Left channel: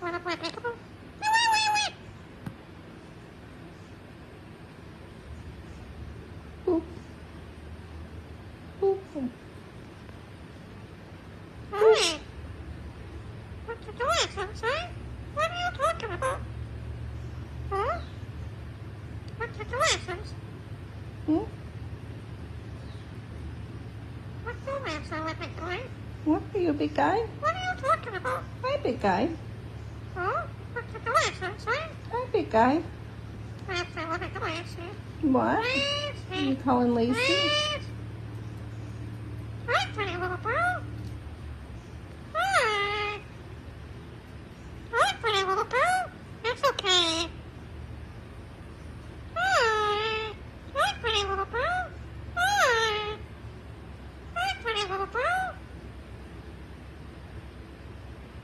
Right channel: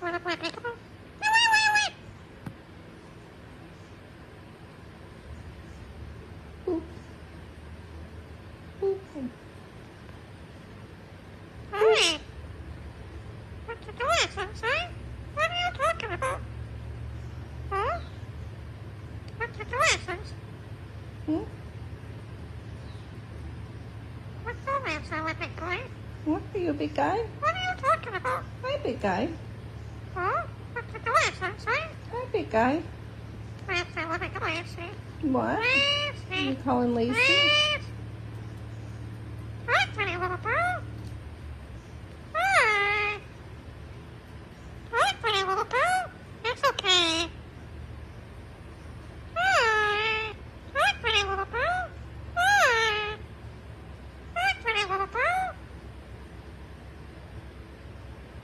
Wanna play peekaboo? Poop. Poop. Hey! What's the glasses, eh? What are you talking about? Huh? What's the glasses? Hmm? What's the answer with big boy? What are you, big guy? What are you talking about? Hi, big guy. Huh? What's the glasses, eh? Hi, big guy. Answer with a glasses. What? Glasses. You calling Lacey? Glasses.